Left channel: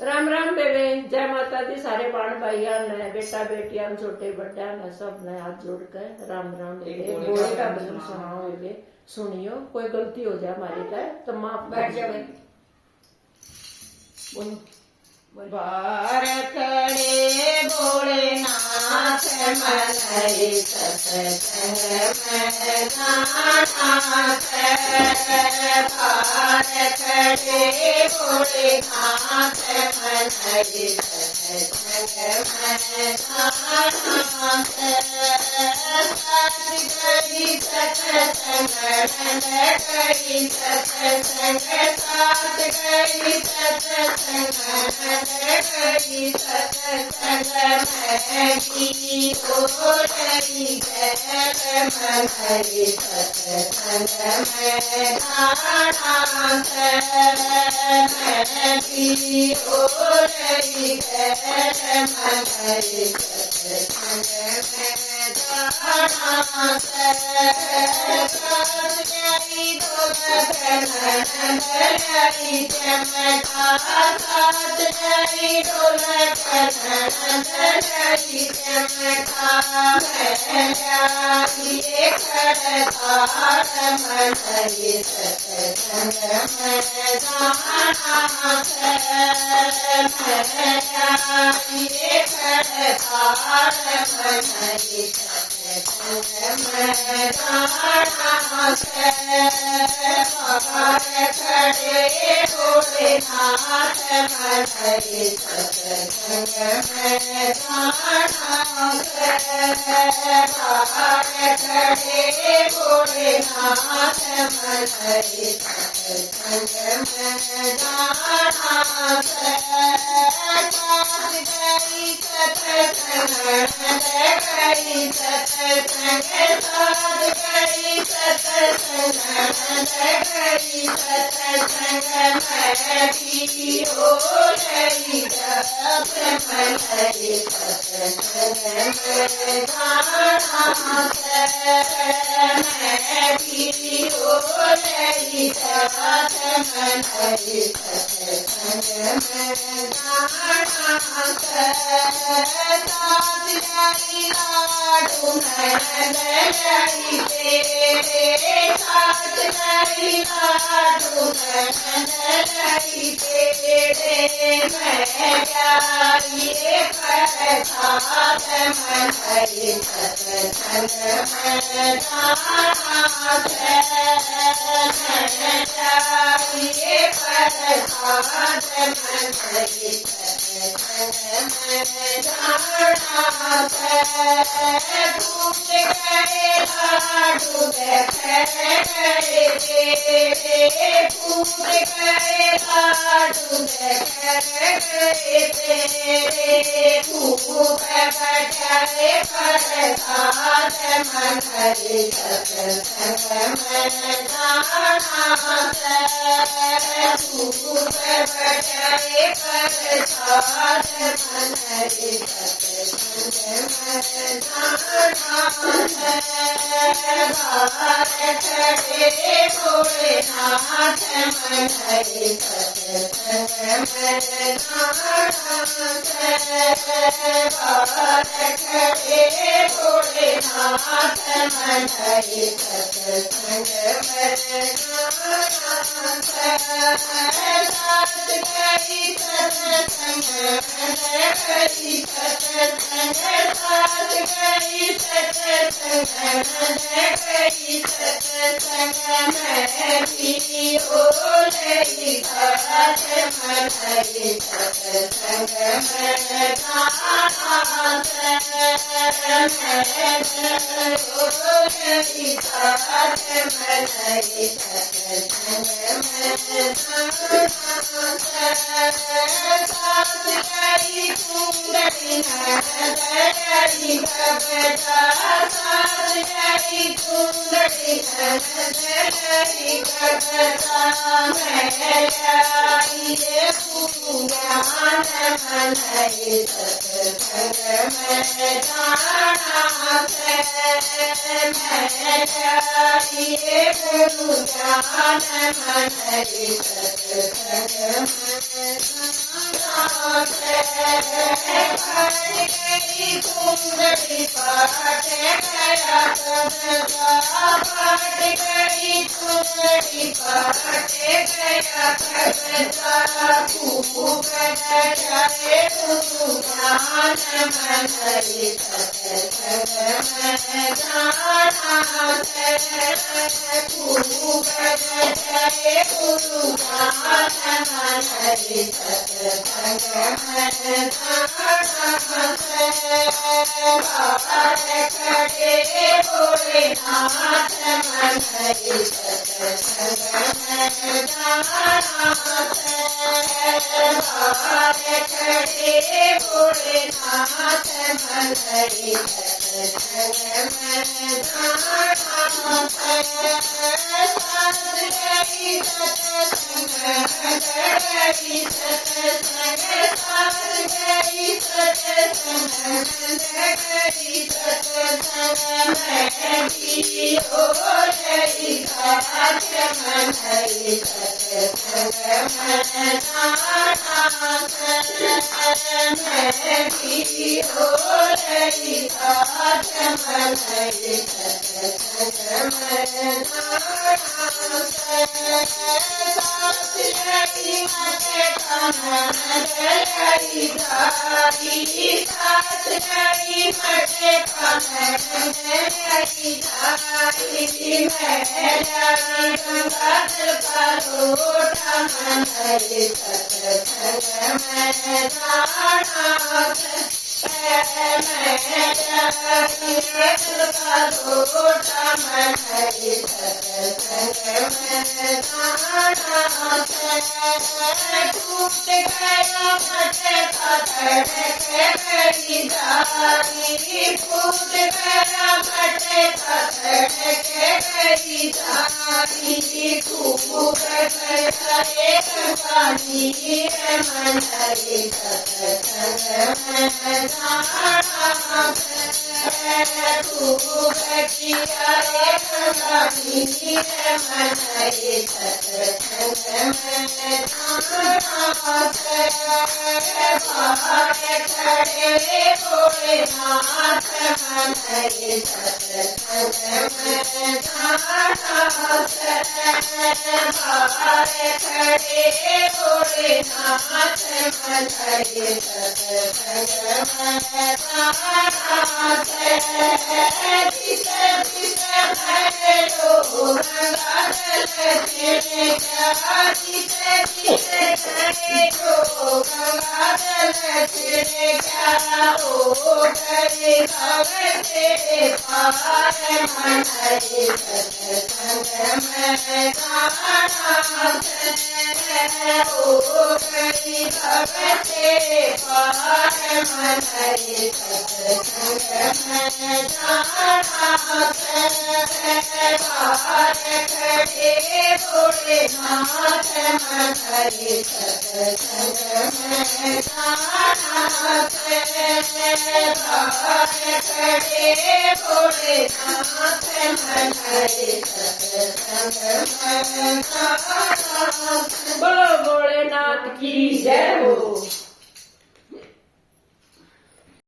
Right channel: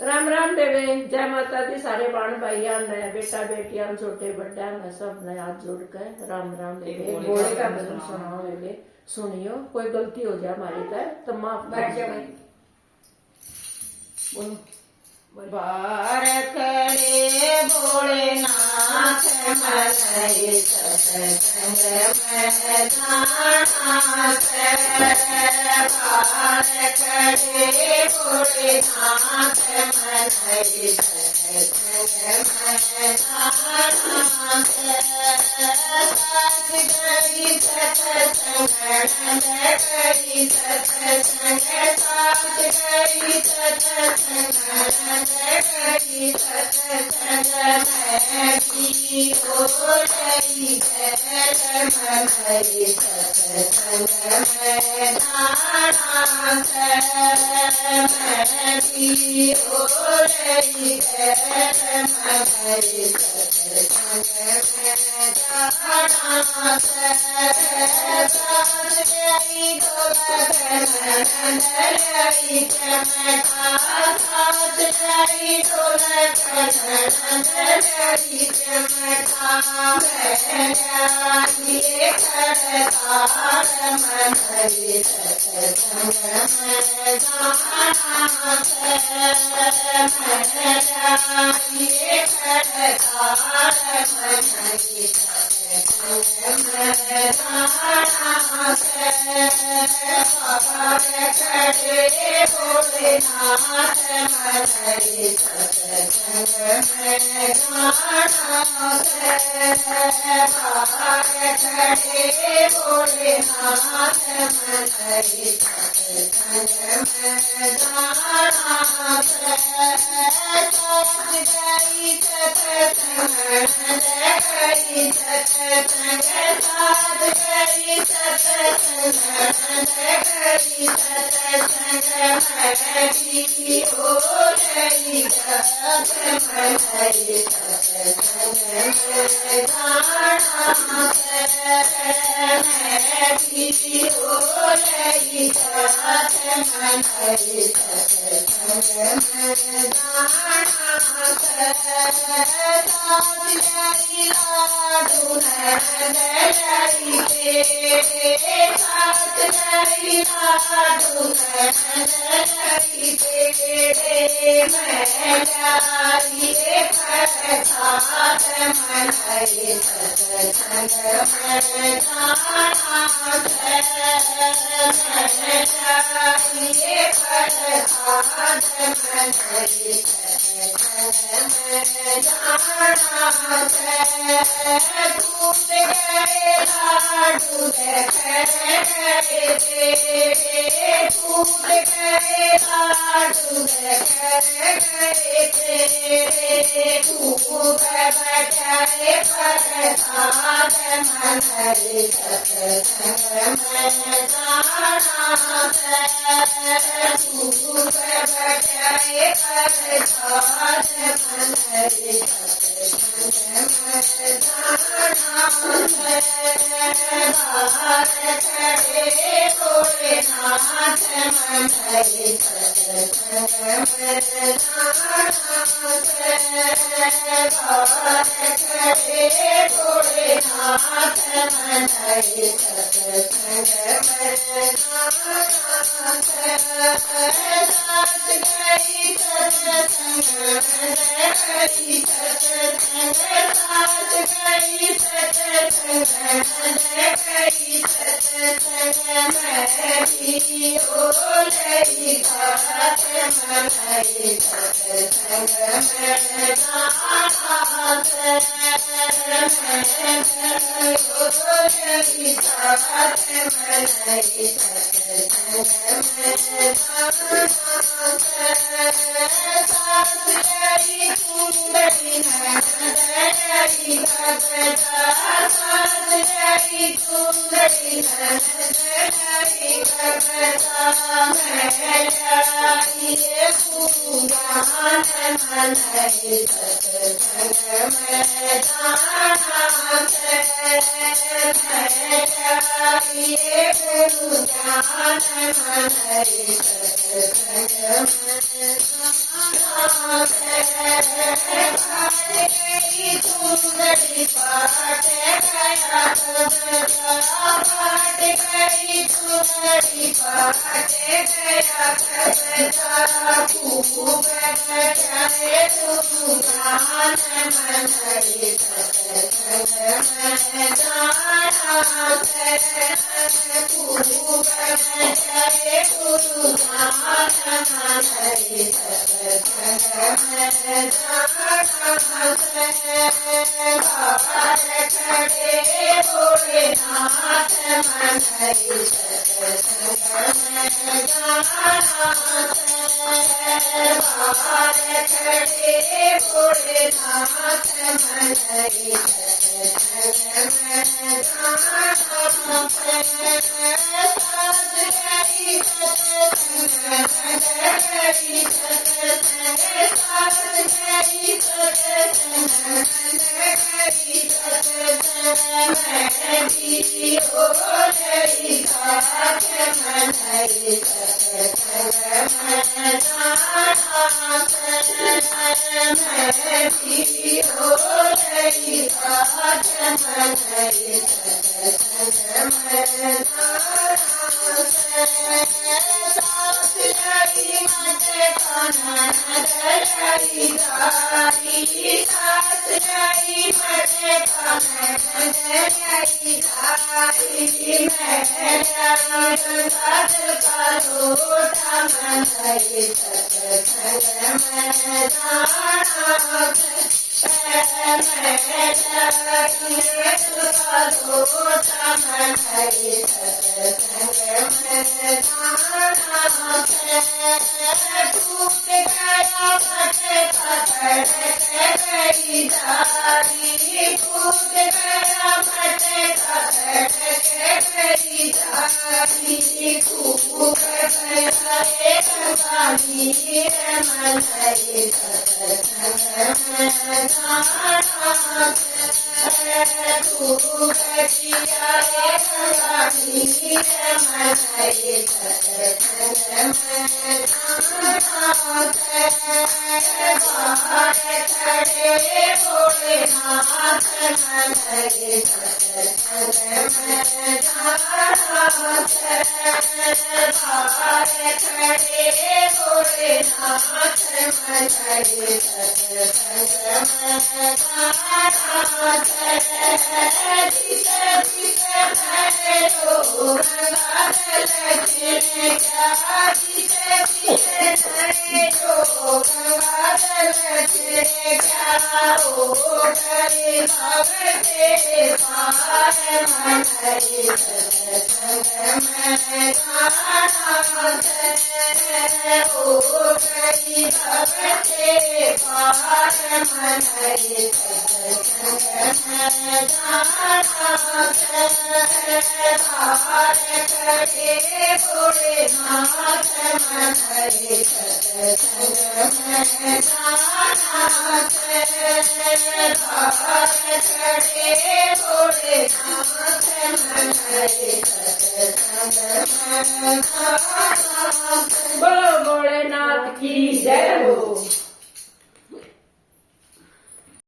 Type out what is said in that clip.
राम राम बेबे, जय माता दी। सारे बाण भाइया ने, बेटा बेटिया छोटे बड़ा ने, सब ने हाथ जोड़ कर राम राम बेबे। बोले का भजन सुनाओ बेबे, सुनियो। कोई गलती हो जाए हमारी तो माफ कर जाए। बोलो। बार खड़े भोलेनाथ मनई सत्संग में जानाथ। बार खड़े भोलेनाथ मनई सत्संग में जानाथ। साथ गई सत्संग नंद गई सत्संग, साथ गई सत्संग गई सत्संग में भी हो रही जय मनई सत्संग में जानाथ। मैं भी हो रही जय मनई सत्संग में जानाथ। साथ गई नंद गई चमका, साथ गई नंद गई चमका। ये खड़कार मनई सत्संग में जानाथ। ये खड़कार मनई सत्संग में जानाथ। बार खड़े भोलेनाथ मनई सत्संग में जानाथ। बार खड़े भोलेनाथ मनई सत्संग में जानाथ। साथ गई सत्संग नंद गई सत्संग, साथ गई सत्संग नंद गई सत्संग में भी हो रही जय मनई सत्संग में जानाथ। मैं भी हो रही जय मनई सत्संग में जानाथ। साथ गई लाडू नंद गई तेरे, साथ गई लाडू नंद गई तेरे। मैं जाइए प्रसाद मनई सत्संग में जानाथ। मैं जाइए प्रसाद मनई सत्संग में जानाथ। टूट गए लाडू गए तेरे, टूट गए लाडू गए तेरे। खूब बटाए प्रसाद मनई सत्संग में जानाथ। खूब बटाए प्रसाद मनई सत्संग में जानाथ। बार खड़े भोलेनाथ मनई सत्संग में जानाथ। बार खड़े भोलेनाथ मनई सत्संग में जानाथ। साथ गई सत्संग नंद गई सत्संग, साथ गई सत्संग नंद गई सत्संग में भी हो रही जय मनई सत्संग में जानाथ। मैं हो रही जय मनई सत्संग में जानाथ। साथ गई कुंडली नंद गई भगता, साथ गई कुंडली नंद गई भगता। मैं जाइए पूजन मनई सत्संग में जानाथ। मैं जाइए पूजन मनई सत्संग कुंडली पाट गया सदका पाट गई कुंडली पाट गया सदका खूब जाए गुरु ज्ञान मन हरि सत्संग में जाना से खूब जाए गुरु ज्ञान मन हरि सत्संग में जाना से बाहर खड़े भोलेनाथ मन हरि सत्संग में जाना से बाहर खड़े भोलेनाथ मन हरि सत्संग में जाना से साथ गई सत्संग गई सत्संग साथ गई सत्संग गई सत्संग में भी हो गई साथ मन हरि सत्संग में जाना मैं भी हो गई साथ मन हरि सत्संग में जाना साथ गई मत कानन गई दाई साथ गई मत कानन गई दाई मैं गंगाधर करोटा मन हरि सत्संग में जाना मैं करोटा मन हरि सत्संग में जाना टूट गया मत पकड़ के गई जारी टूट गया मत पकड़ के गई जारी खूब गए पानी मन हरि सत्संग में जाना खूब किया पानी मन हरि सत्संग में बाहर खड़े भोलेनाथ मन हरि सत्संग में जाना बाहर खड़े भोलेनाथ मन हरि सत्संग में जाना जिसे जिसे भैरो रंगा जल छिड़का जिसे जिसे भैरो गंगा जल छिड़का ओ डरे भगते पार मन हरि सत्संग में जाना ओ गई भगते पार मन हरि सत्संग में जाना बाहर खड़े भोलेनाथ मन हरि सत्संग में जाना बाहर खड़े भोलेनाथ मन हरि सत्संग में जाना। बोलो भोलेनाथ की जय हो।